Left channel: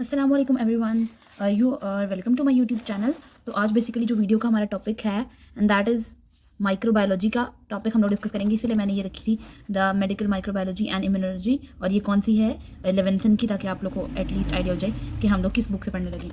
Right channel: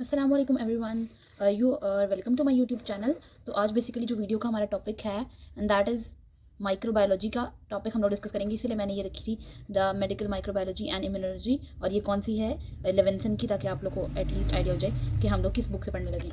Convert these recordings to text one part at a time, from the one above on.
अस्सलाम वालेकुम everyone, you are welcome to my YouTube channel. तो आज बेसिकली जो वीडियो का हमारा टॉपिक है एंड दैट इज़ माइक्रोबायोलॉजी का टॉपिक हम लोग डिस्कस करेंगे। इसीलिए मैंने ये रखी थी the medical microbiology and immunology, और ये कौन सी है, लेवेंसन की, ताकि आप लोग को एटलीस्ट आइडिया हो जाए कि हम लोग किस बुक से पढ़ने लगे।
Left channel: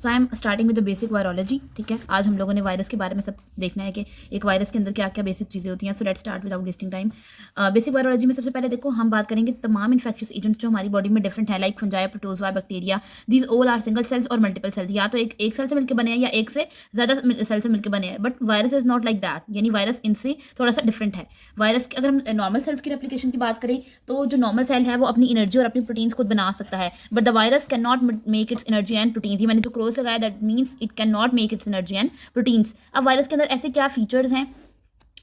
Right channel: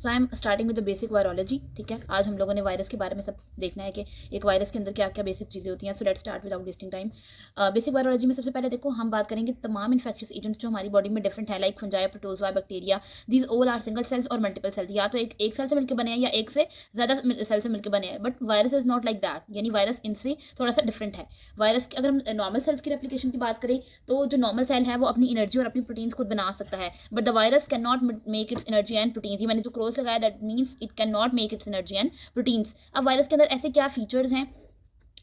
So I am starting with the basic virology. ठीक है, आज हम लोगों ने वायरस के बारे में सब देखना है कि एक वायरस के अंदर क्या क्या बेसिक चीज़ें होती हैं। So let's start without wasting time. Basic virology में सबसे पहले देखो हम बात करेंगे तमाम इन्फेक्शियस एजेंट्स जो हमारी बॉडी में डिफरेंट है, like fungi, protozoa, bacteria. These all are single cells और मल्टीपल सेल्स, या तो एक सेल से मिलकर बने हैं या एक से ज़्यादा सेल से मिलकर बने हैं। But virus is not like that, यानी वायरस इनसे थोड़ा सा डिफरेंट है। वायरस की अगर हम नॉर्मल सेल्स की रेप्लिकेशन की बात करें तो जो नॉर्मल सेल है वो अपनी एनर्जी और अपनी प्रोटीन्स खुद बना सकता है, but the virus can not make it's energy and proteins. ये मैंने जो क्रॉस लगाया that means it can not make it's energy and proteins. अब वायरस के अंदर ऐसे क्या फीचर्स हैं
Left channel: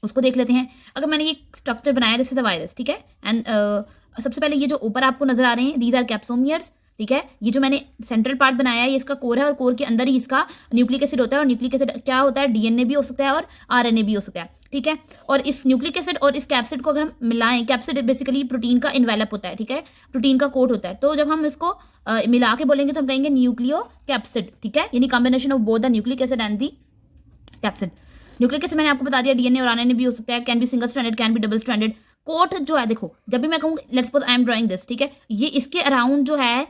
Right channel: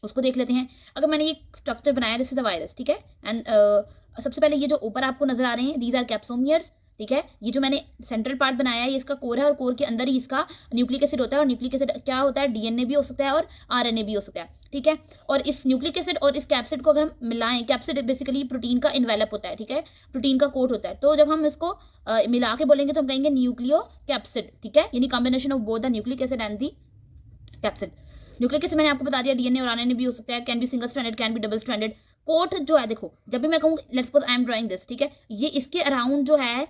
उसको देख लेते हैं। अगर मैंने ये स्ट्रक्चर बनाया दिस इज अ वायरस, ठीक है, एंड सबसे पहले ये जो ऊपर आपको नजर आ रहे हैं दीज आर कैप्सोमियर्स। ठीक है, ये जो मैंने सेंट्रल पार्ट बनाया है ये इसका कोर है, और कोर के अंदर ही इसका न्यूक्लिक एसिड होता है। और न्यूक्लिक एसिड क्या होता है, डीएनए भी हो सकता है और आरएनए भी हो सकता है। ठीक है, और इस न्यूक्लिक एसिड और इस कैप्सिड को अगर हम मिलाएं, कैप्सिड बेसिकली प्रोटीन का इन्वेलप होता है, ठीक है, प्रोटीन का कोट होता है। तो जब हम इसको मिला के बोलेंगे तो हम कहेंगे न्यूक्लियो कैप्सिड। ठीक है, यानी combination of both the nucleic acid and the capsid. Nucleic acid मैंने आपको बता दिया, डीएनए और आरएनए भी हो सकता है, can be single stranded, can be double stranded. Coat जो है, देखो जब भी मैं कहूँ let's suppose I am drawing this, ठीक है, ये इसके अराउंड जो है,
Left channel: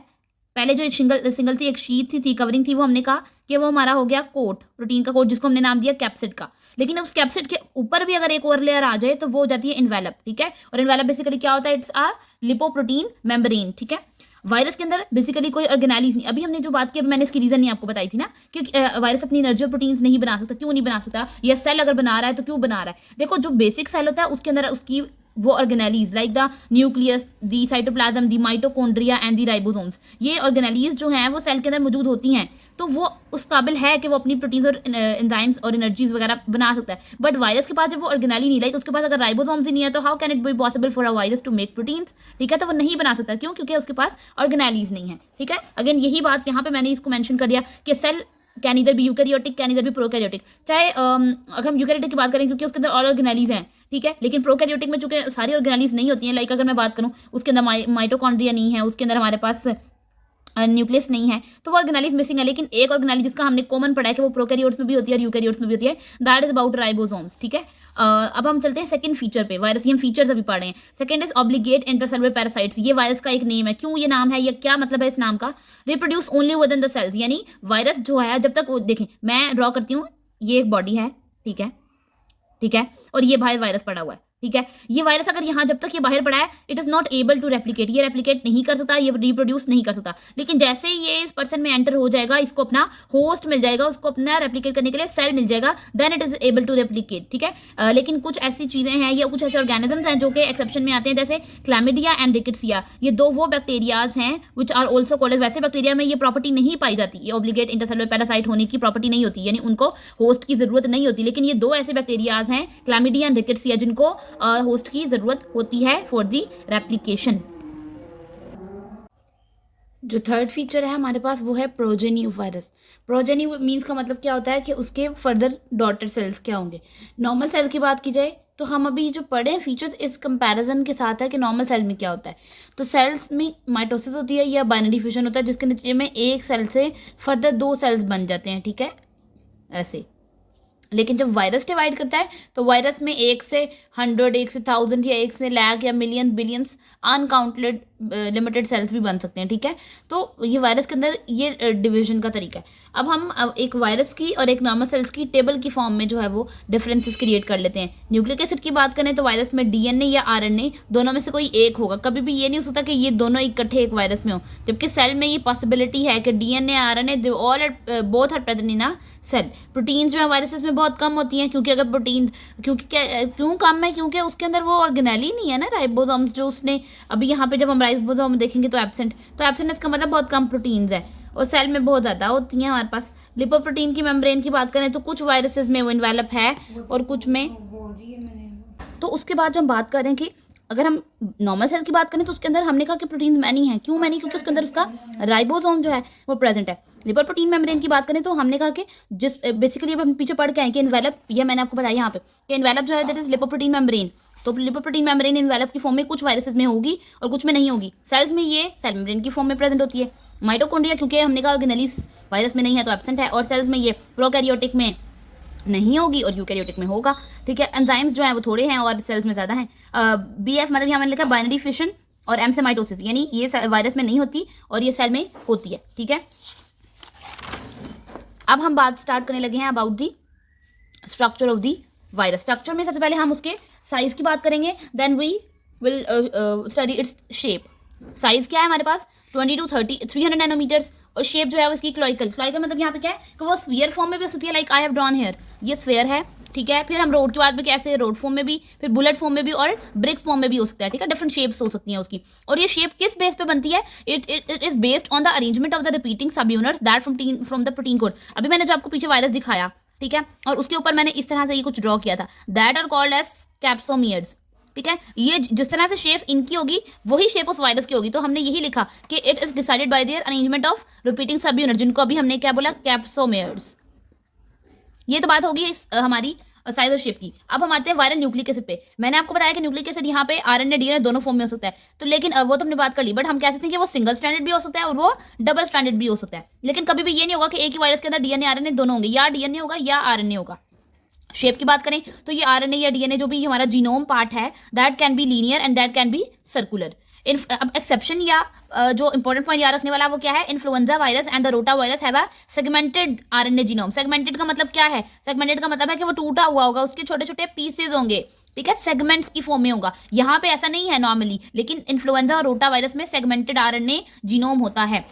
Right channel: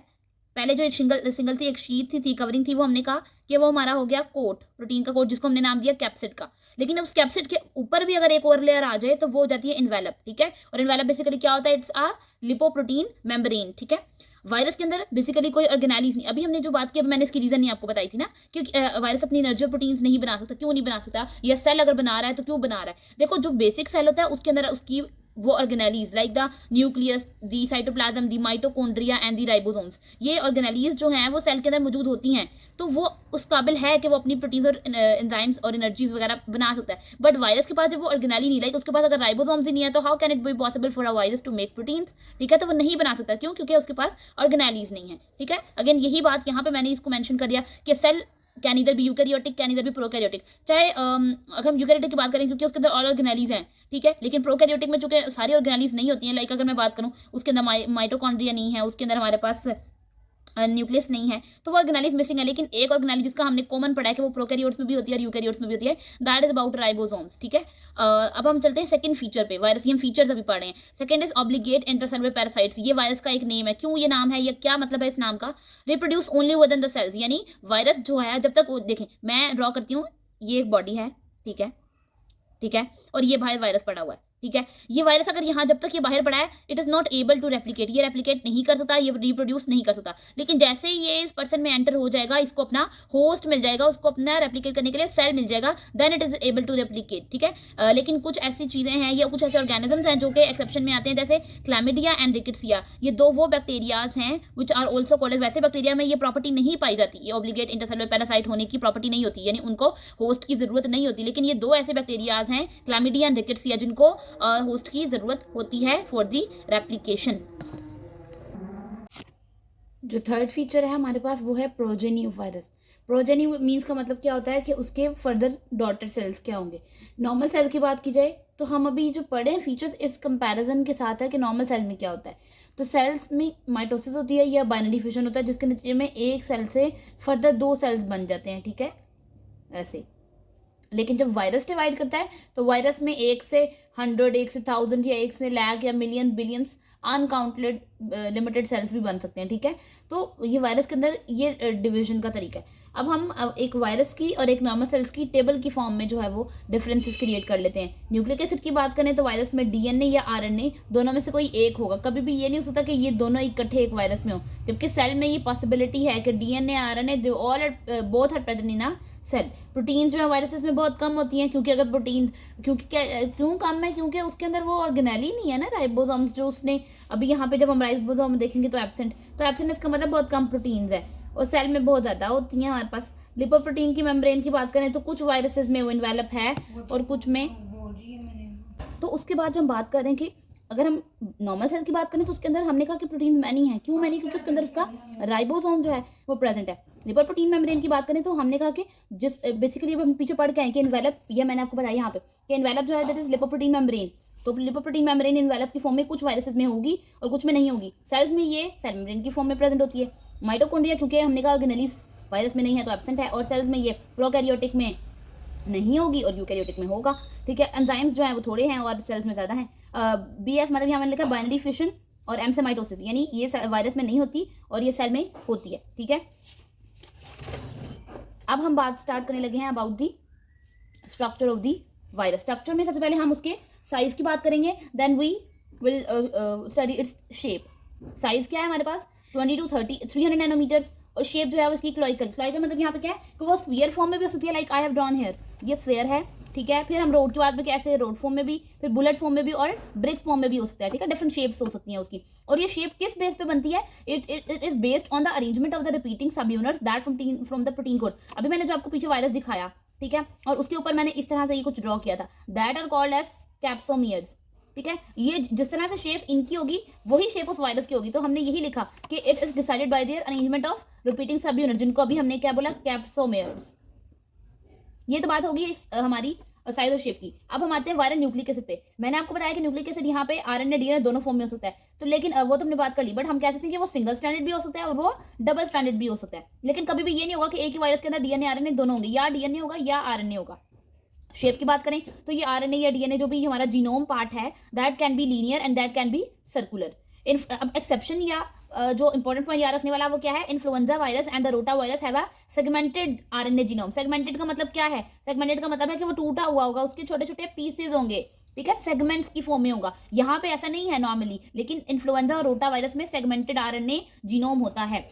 पहले जो एक सिंगल थी, एक शीट थी कवरिंग थी, वो हमने कहा कि वो हमारा हो गया कोट, प्रोटीन का कोट, जिसको हमने नाम दिया कैप्सिड का। लेकिन उस कैप्सिड के ऊपर भी अगर एक और लेयर आ जाए तो वो हो जाती है इन्वेलप। ठीक है, और इन्वेलप बेसिकली क्या होता है, इट्स आ लिपोप्रोटीन मेम्ब्रेन। ठीक है, वायरस के अंदर बेसिकली कोई ऑर्गेनाइज नहीं। अभी हमने जो बात की, अभी मैंने इसकी रीजन नहीं आपको बताई थी ना, क्योंकि वायरस अपनी एनर्जी और प्रोटीन्स नहीं बना सकता। क्यों नहीं बना सकता, या सेल अगर बना रहा है तो क्यों बना रहा है। देखो जो बेसिक सेल होता है उसके अंदर उसकी वो organise like the nucleus, the cytoplasm, the mitochondria and the ribosomes, ये ऑर्गेनाइज जो हैं वो सेल के अंदर मौजूद होती हैं। तो वो उस काबिल है कि वो अपनी प्रोटीन्स और एंजाइम्स और एनर्जीज वगैरह बना सकता है। बट वायरस के पास जब वो ऑर्गेनाली नहीं, लाइक उसके पास अगर राइबोसोम्स ही नहीं है तो how can it be possible for a virus to make proteins. ठीक है, तो वो नहीं बना सकता। क्यों, क्योंकि उसके पास ऑर्गेनालीज नहीं है। ठीक है, अगेन यही बात यहाँ पे मैंने इसको मेंशन कर दिया कि सेल कैन इधर भी यूकैरियोटिक, कैन इधर भी प्रोकैरियोटिक। चाहे अगर हम यूकैरियोटिक की बात करें क्योंकि उसके अंदर ऑल ऑर्गेनालीज हैं, ठीक है, लेकिन प्रोकैरियोटिक में चूंकि सारी ऑर्गेनालीज नहीं होती हैं, लाइक अगर मैं बात करूँ उसके अंदर माइटोकॉन्ड्रिया नहीं है, उसके अंदर हमारे पास न्यूक्लियस नहीं है, तो वो ऑर्गेनालिज मिसिंग है। लेकिन एक ऑर्गेनालिज जिसका हमने कॉमन पढ़ा है कि वो प्रोकैरियोट्स में भी होती है और यूकैरियोट्स में भी होती है, दैट इज अबाउट राइबोसोम्स। ठीक है, अब हम चलते हैं सेकंड फीचर पे। वायरस की हम फीचर्स अभी पढ़ रहे हैं। Second is obligate intercellular parasites. ये वायरस का एक नेम है। क्यों ये नाम है, या क्या मतलब है इस नाम का, reproduce only within the cells, यानी वायरस जो है जब तक, देखें मैं ड्रॉ करती हूँ, ये एक बॉडी है, ठीक है, ठीक है, और ये बाहर वायरस पड़ा हुआ है। ठीक है, ये वायरस अगर यहाँ जब तक ये बाहर पड़ा है, it is not able to replicate, ये रेप्लिकेट नहीं कर सकता, ये रिप्रोड्यूस नहीं कर सकता। लेकिन जैसे ही ये इस पर्सन में एंटर हो जाएगा, इसको अपना होस्ट मिल जाएगा, उसको अपना रेप्लिकेट करने के लिए सेल मिल जाएगा, then it is able to replicate. ठीक है, लेकिन कुछ ऐसी चीजें हैं या कुछ ऐसे ऑर्गेनिजम्स हैं जो कि एक्सेप्शन में आते हैं, जैसे क्लैमिडिया एंड रिकेट्सिया। ये दो वो बैक्टीरियाज हैं विच आर ऑल्सो कॉल्ड, वैसे बैक्टीरिया में ये प्रॉपर्टी नहीं पाई जाती, ये ऑब्लिगेट इंटरसेलुलर पैरासाइट होने की प्रॉपर्टी नहीं होती, यानी उनको होस्ट की जरूरत नहीं होती। लेकिन ये दो ऐसे बैक्टीरियाज हैं, क्लैमिडिया एंड रिकेट्सिया, जिनको होस्ट की जरूरत होती है फॉर दी रेप्लिकेशन। जो थर्ड फीचर है हमारे पास वो है progeny of virus. Progeny means का मतलब क्या होता है कि उसके फर्दर डॉटर सेल्स क्या होंगे। नॉर्मल सेल की बात की जाए तो हम अभी जो पढ़े हैं फीचर्स इस कंपैरिजन के साथ है कि नॉर्मल सेल में क्या होता है। तो सेल्स में माइटोसिस होती है या बाइनरी फिशन होता है, जिसके नतीजे में एक सेल से फर्दर दो सेल्स बन जाते हैं। ठीक है, ऐसे। लेकिन जब वायरस डिवाइड करता है तो वायरस में एक से 100, एक से 1000 या एक से लाख या million billions uncounted limited cells भी बन सकते हैं। ठीक है, तो ये वायरस के अंदर ये डिवीजन का तरीका है। अब हम एक वायरस की और एक नॉर्मल सेल्स की टेबल की फॉर्म में जो है वो डिफरेंसेस क्रिएट कर लेते हैं। न्यूक्लिक एसिड की बात करें तो वायरस में डीएनए या आरएनए दोनों में से कोई एक होगा। कभी भी ये नहीं हो सकता कि ये दोनों इकट्ठे एक वायरस में हो, जबकि सेल में ये पॉसिबिलिटी है कि DNA RNA all both are present in a cell. Proteins जो है वायरसेस में बहुत कम होती हैं, क्योंकि अगर प्रोटीन, क्यों कम है, क्योंकि उसके अंदर वो ऑर्गेनेली नहीं है ना, राइबोसोम्स जो उसने, अभी यहाँ पे जब हम राइबोसोम देखेंगे तो एब्सेंट, तो एब्सेंट इसका मतलब बहुत कम प्रोटीन्स है, और सेल में बहुत ज़्यादा होती हैं हमारे पास। लिपोप्रोटीन की मेम्ब्रेन की बात करें तो कुछ वायरसेस में वो इन्वेलप है और कुछ में। तो उसके बाद जो हम बात करें कि अगर हम नॉर्मल सेल की बात करें तो उसके अंदर हमने कहा कि प्रोटीन मैनी है। क्यों मैनी, क्योंकि उसके अंदर उसका राइबोसोम जो है वो प्रेजेंट है। लिपर प्रोटीन मेम्ब्रेन की बात करें तो हमने कहा कि जिस बेसिकली अब हम पीछे पढ़ के आए कि इन्वेलप, ये मैंने आपको बताया यहाँ पे कि इन्वेलप जो है दैट इज लिपोप्रोटीन मेम्ब्रेन तो लिपोप्रोटीन मेम्ब्रेन इन्वेलप की फॉर्म में कुछ वायरसेस में होगी और कुछ में नहीं होगी। सेल्स में ये सेल मेम्ब्रेन की फॉर्म में प्रेजेंट होती है। माइटोकॉन्ड्रिया क्योंकि हमने कहा ऑर्गेनेली वायरस में नहीं है तो एब्सेंट है, और सेल्स में ये प्रोकैरियोटिक में नहीं होगी और यूकैरियोटिक में होगा। ठीक है, एंजाइम्स जो है वो थोड़े हैं और सेल्स में ज़्यादा हैं। BF मतलब यहाँ मैंने लिखा बाइनरी फिशन, और M से माइटोसिस, यानी ये वायरस में नहीं होती और ये सेल में होती है। ठीक है, अब हम बात स्टार्ट करने लगे हैं about the structure of the virus. Structure में सबसे पहले हम उसके साइज की बात करेंगे, then we will study its shape. Size क्या है हमारे पास 20 to 300 नैनोमीटर्स, और शेप जो है वो इसकी क्लोइकल मतलब यहाँ पे क्या है कि वो स्फीयर फॉर्म में भी हो सकती है, like I have drawn here, ये स्फीयर है। ठीक है, फिर हम रोड की बात में कैसे, रोड फॉर्म में भी, फिर बुलेट फॉर्म में भी और ब्रिक्स फॉर्म में भी हो सकता है। ठीक है, डिफरेंट शेप्स हो सकती हैं उसकी। और ये शेप किस बेस पे बनती है, it is based on the arrangement of the repeating subunits that from the protein code. अभी मैंने जो आपको पीछे वायरस दिखाया, ठीक है, और उसके ऊपर मैंने इस तरह से ये कुछ ड्रॉ किया था, that are called as capsomeres. ठीक है, ये जिस तरह से शेप इनकी होगी वही शेप उस वायरस की होगी। तो हमने यही लिखा कि it is decided by there arrangement of repeating सब यूनिट, जिनको अभी हमने क्या बोला, कैप्सोमियर्स। ये तो बात होगी इस हमारी साइज और शेप की। अब हम आते हैं वायरल न्यूक्लिक एसिड पे। मैंने आपको बताया कि न्यूक्लिक एसिड यहाँ पे RNA DNA दोनों फॉर्म में हो सकता है, तो लेकिन वो तो हमने बात कर ली, बट हम कह सकते हैं कि वो सिंगल स्ट्रैंडेड भी हो सकता है और वो डबल स्ट्रैंडेड भी हो सकता है। लेकिन कभी भी ये नहीं होगा कि एक ही वायरस के अंदर DNA RNA दोनों होंगे, या DNA होगा या RNA होगा। शेप की बात करें तो ये RNA या DNA जो भी हमारा जीनोम पार्ट है, that can be linear and that can be circular. अब एक्सेप्शन या जो इंपॉर्टेंट पॉइंट याद रखने वाला वो क्या है, influenza virus and the rota virus have a segmented RNA genome. Segmented का मतलब क्या है, सेगमेंटेड का मतलब है कि वो टूटा हुआ होगा, उसके छोटे छोटे पीसेज होंगे। ठीक है, सेगमेंट्स की फॉर्म में होगा। यहाँ पे ऐसा नहीं है नॉर्मली, लेकिन इन्फ्लुएंजा और रोटा वायरस में सेगमेंटेड RNA जीनोम होता है।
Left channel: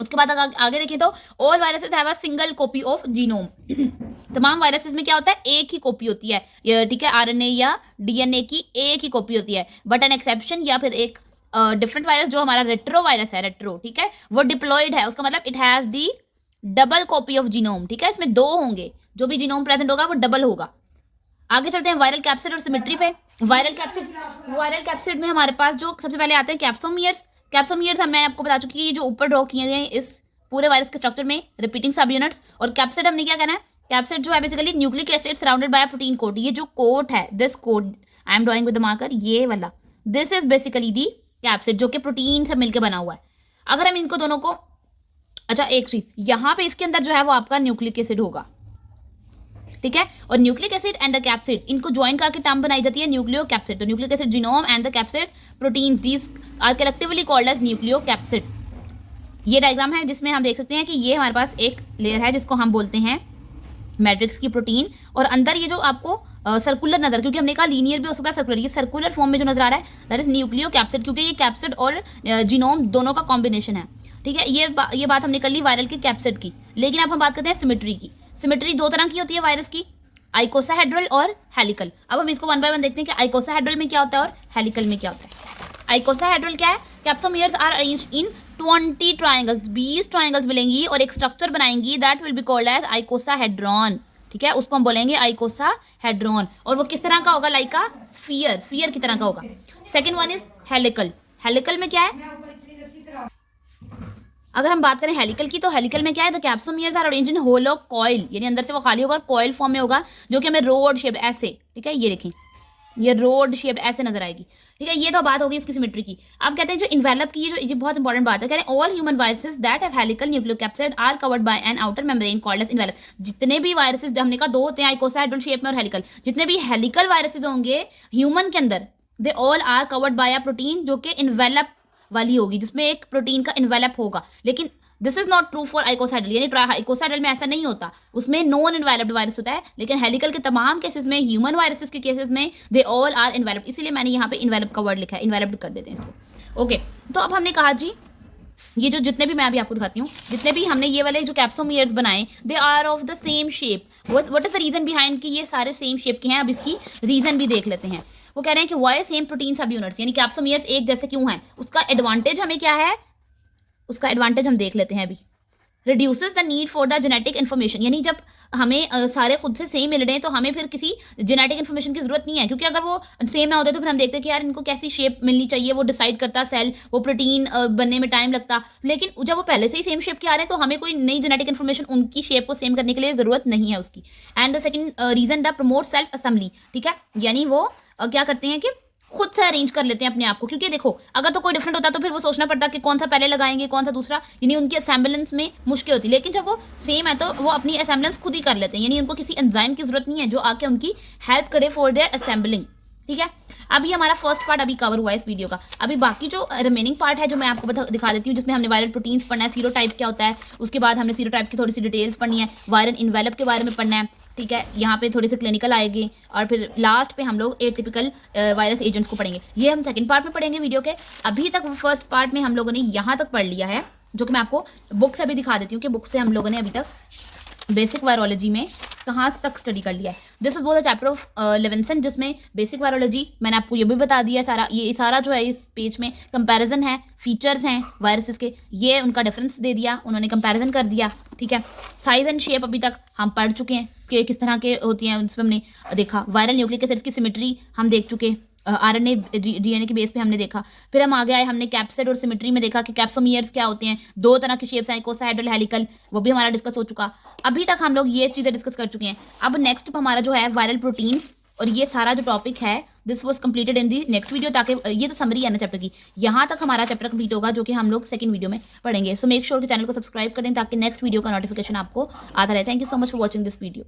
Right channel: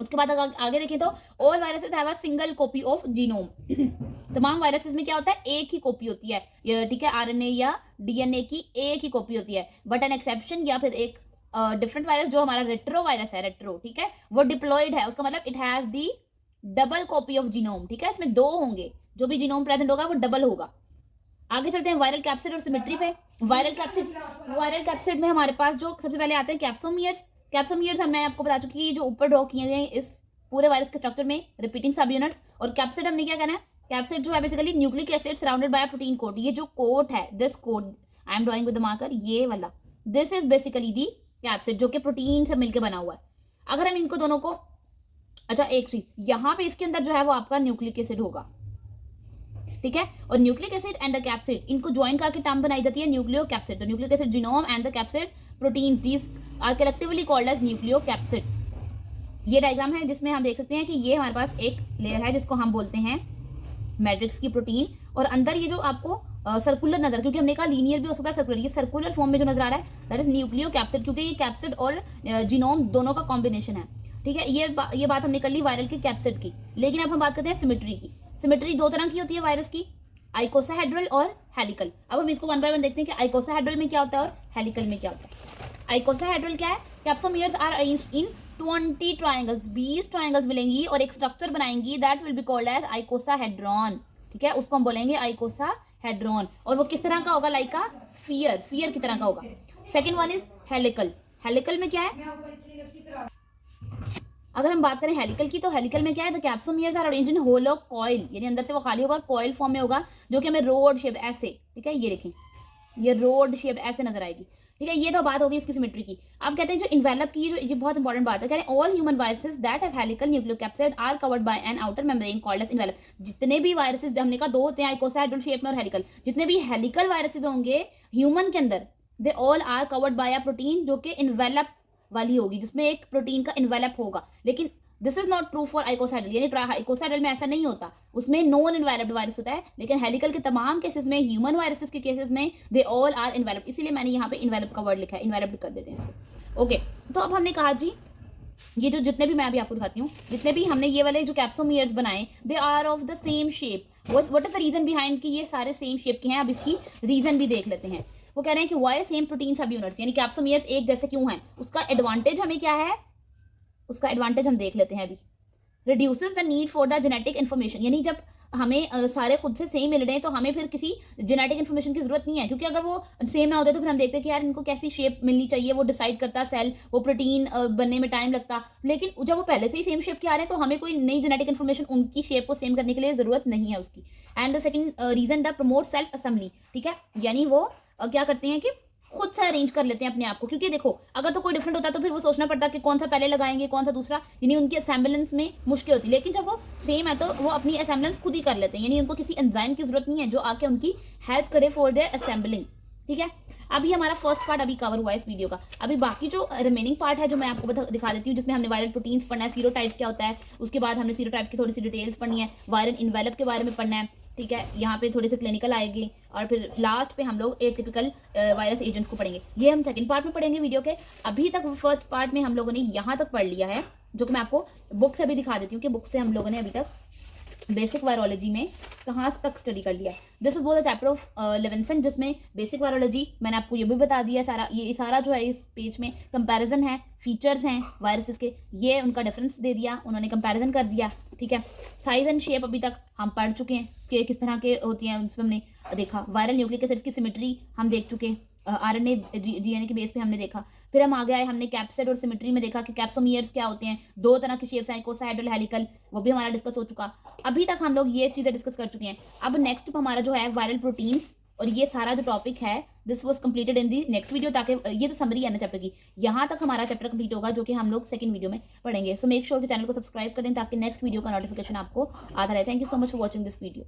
उसके बाद आगे देखिए तो all viruses have a single copy of genome. तमाम वायरसेस में क्या होता है, एक ही कॉपी होती है। ठीक है, RNA या DNA की एक ही कॉपी होती है। बट एन एक्सेप्शन या फिर एक डिफरेंट वायरस जो हमारा रेट्रो वायरस है, रेट्रो, ठीक है, वो डिप्लॉयड है। उसका मतलब it has the double copy of genome. ठीक है, इसमें दो होंगे, जो भी जीनोम प्रेजेंट होगा वो डबल होगा। आगे चलते हैं वायरल कैप्सिड और सिमेट्री पे। वायरल कैप्सिड में हमारे पास जो सबसे पहले आते हैं कैप्सोमियर्स। कैप्सोमियर्स मैं आपको बता चुकी कि जो ऊपर ड्रॉ किए गए इस पूरे वायरस के स्ट्रक्चर में रिपीटिंग सब यूनिट्स। और कैप्सिड हमने क्या कहना है, कैप्सिड जो है basically nucleic acid surrounded by protein coat. ये जो कोट है, this coat I am drawing with the marker, ये वाला, this is basically the capsid, जो कि प्रोटीन से मिलकर बना हुआ है। अगर हम इनको दोनों को, अच्छा एक चीज यहाँ पे इसके अंदर जो है वो आपका न्यूक्लिक एसिड होगा। ठीक है, और nucleic acid and the capsid, इनको ज्वाइन करके टर्म बनाई जाती है न्यूक्लियो कैप्सिड। तो nucleic acid genome and the capsid protein, these are collectively called as nucleocapsid. ये डायग्राम है जिसमें हम देख सकते हैं कि ये हमारे पास एक लेयर है जिसको हम बोलते हैं मैट्रिक्स की प्रोटीन, और अंदर ये जो आपको सर्कुलर नजर, क्योंकि हमने कहा लीनियर भी हो सकता है सर्कुलर, ये सर्कुलर फॉर्म में जो नजर आ रहा है दैट इज न्यूक्लियो कैप्सिड, क्योंकि ये कैप्सिड और जीनोम दोनों का कॉम्बिनेशन है। ठीक है, ये बात हमने कर ली वायरल के कैप्सिड की। लेकिन अब हम बात करते हैं सिमेट्री की। सिमेट्री दो तरह की होती है वायरस की, आइकोसाहेड्रल और हेलिकल। अब हम इसको वन बाय वन देखते हैं कि आइकोसाहेड्रल में क्या होता है और हेलिकल में क्या होता है। आइकोसाहेड्रल क्या है, capsomeres are arranged in 20 triangles, 20 triangles मिलेंगी और एक स्ट्रक्चर बनाएंगी that will be called as icosahedron. ठीक है, उसको हम बोलेंगे आइकोसाहेड्रॉन, और वो किस तरह का होगा, लाइक अ स्फीयर की तरह का होगा। Second one is helical. Helical में क्या है, अगर हम बात करें हेलिकल की, तो हेलिकल में क्या है, the capsomeres are arranged in hollow coil, यानी अंदर से वो खाली होगा, कॉइल फॉर्म में होगा, जो कि हमें रोड शेप ऐसे, ठीक है, ये देखें, ये रोड शेप ऐसे नजर आएगी। ठीक है, ये तो बात होगी इसकी सिमेट्री की। अब कहते हैं जो इन्वेलप की, ये बहुत इंपॉर्टेंट बात है, कह रहे हैं all human viruses that have helical nucleocapsid are covered by an outer membrane called as envelope. जितने भी वायरसेस, हमने कहा दो होते हैं, आइकोसाहेड्रल शेप में और हेलिकल, जितने भी हेलिकल वायरसेस होंगे ह्यूमन के अंदर, they all are covered by a protein, जो कि इन्वेलप वाली होगी, जिसमें एक प्रोटीन का इन्वेलप होगा। लेकिन this is not true for icosahedral, यानी आइकोसाइडल में ऐसा नहीं होता, उसमें नॉन इन्वेलप्ड वायरस होता है। लेकिन हेलिकल के तमाम केसेस में, ह्यूमन वायरसेस के केसेस में, दे ऑल आर इन्वेलप्ड, इसीलिए मैंने यहाँ पे इन्वेलप का वर्ड लिखा है, इन्वेलप्ड कर देते हैं इसको। ओके, तो अब हमने कहा जी ये जो जितने भी, मैं अभी आपको दिखाती हूँ, जितने भी हमने ये वाले जो कैप्सोमियर्स बनाए, they are of the same shape. What is the reason behind कि ये सारे सेम शेप के हैं। अब इसकी रीजन भी देख लेते हैं। वो कह रहे हैं कि वाई सेम प्रोटीन सब यूनिट्स, यानी कैप्सोमियर्स एक जैसे क्यों हैं, उसका एडवांटेज हमें क्या है, उसका एडवांटेज हम देख लेते हैं अभी। Reduces the need for the genetic information, यानी जब हमें सारे खुद से सेम मिल रहे हैं तो हमें फिर किसी जेनेटिक इन्फॉर्मेशन की जरूरत नहीं है, क्योंकि अगर वो सेम ना होते तो फिर हम देखते हैं कि यार इनको कैसी शेप मिलनी चाहिए, वो डिसाइड करता सेल, वो प्रोटीन बनने में टाइम लगता। लेकिन जब वो पहले से ही सेम शेप के आ रहे हैं तो हमें कोई नई जेनेटिक इन्फॉर्मेशन उनकी शेप को सेम करने के लिए जरूरत नहीं है उसकी। And the second reason the promote self assembly, ठीक है, यानी वो क्या करते हैं कि खुद से अरेंज कर लेते हैं अपने आप को, क्योंकि देखो अगर तो कोई डिफरेंट होता तो फिर वो सोचना पड़ता कि कौन सा पहले लगाएंगे कौन सा दूसरा, यानी उनकी असेंबलेंस में मुश्किल होती। लेकिन जब वो सेम है तो वो अपनी असेंबलेंस खुद ही कर लेते हैं, यानी उनको किसी एंजाइम की जरूरत नहीं है जो आके उनकी हेल्प करे फॉर देयर असेंबलिंग। ठीक है, अभी हमारा फर्स्ट पार्ट अभी कवर हुआ है इस वीडियो का। अभी बाकी जो रिमेनिंग पार्ट है जो मैं आपको दिखा देती हूँ, जिसमें हमने वायरल प्रोटीन्स पढ़ना है, सीरोटाइप क्या होता है, उसके बाद हमने सीरोटाइप की थोड़ी सी डिटेल्स पढ़नी है, वायरल इन्वेलप के बारे में पढ़ना है। ठीक है, यहाँ पे थोड़े से क्लिनिकल आएंगे और फिर लास्ट पे हम लोग एटिपिकल वायरस एजेंट्स को पढ़ेंगे। ये हम सेकंड पार्ट में पढ़ेंगे वीडियो के। अभी तक फर्स्ट पार्ट में हम लोगों ने यहाँ तक पढ़ लिया है, जो कि मैं आपको बुक से अभी दिखा देती हूँ कि बुक से हम लोगों ने अभी तक बेसिक वायरोलॉजी में कहाँ तक स्टडी कर लिया है। This is both chapter of Levinson, जिसमें बेसिक वायरोलॉजी मैंने आपको ये भी बता दिया है सारा। ये सारा जो है इस पेज में कंपैरिजन है, फीचर्स हैं वायरसेस के, ये उनका डिफरेंस दे दिया, उन्होंने कंपैरिजन कर दिया। ठीक है, साइज एंड शेप अभी तक हम पढ़ चुके हैं कि किस तरह के होती हैं, उसमें हमने देखा। वायरल न्यूक्लिक एसिड्स की सिमेट्री हम देख चुके, आरएनए डीएनए के बेस पे हमने देखा। फिर हम आगे आए, हमने कैप्सिड और सिमेट्री में देखा कि कैप्सोमियर्स क्या होते हैं, दो तरह की शेप्स हैं, कोसाहेड्रल हेलिकल, वो भी हमारा डिस्कस हो चुका। अभी तक हम लोग ये चीज़ें डिस्कस कर चुके हैं। अब नेक्स्ट हमारा जो है वायरल प्रोटीन्स, और ये सारा जो टॉपिक है this was completed in the next video, ताकि ये तो समरी है ना चैप्टर की, यहाँ तक हमारा चैप्टर कंप्लीट होगा जो कि हम लोग सेकंड वीडियो में पढ़ेंगे। सो मेक श्योर कि चैनल को सब्सक्राइब करें ताकि नेक्स्ट वीडियो का नोटिफिकेशन आपको आता रहे। Thank you so much for watching this video.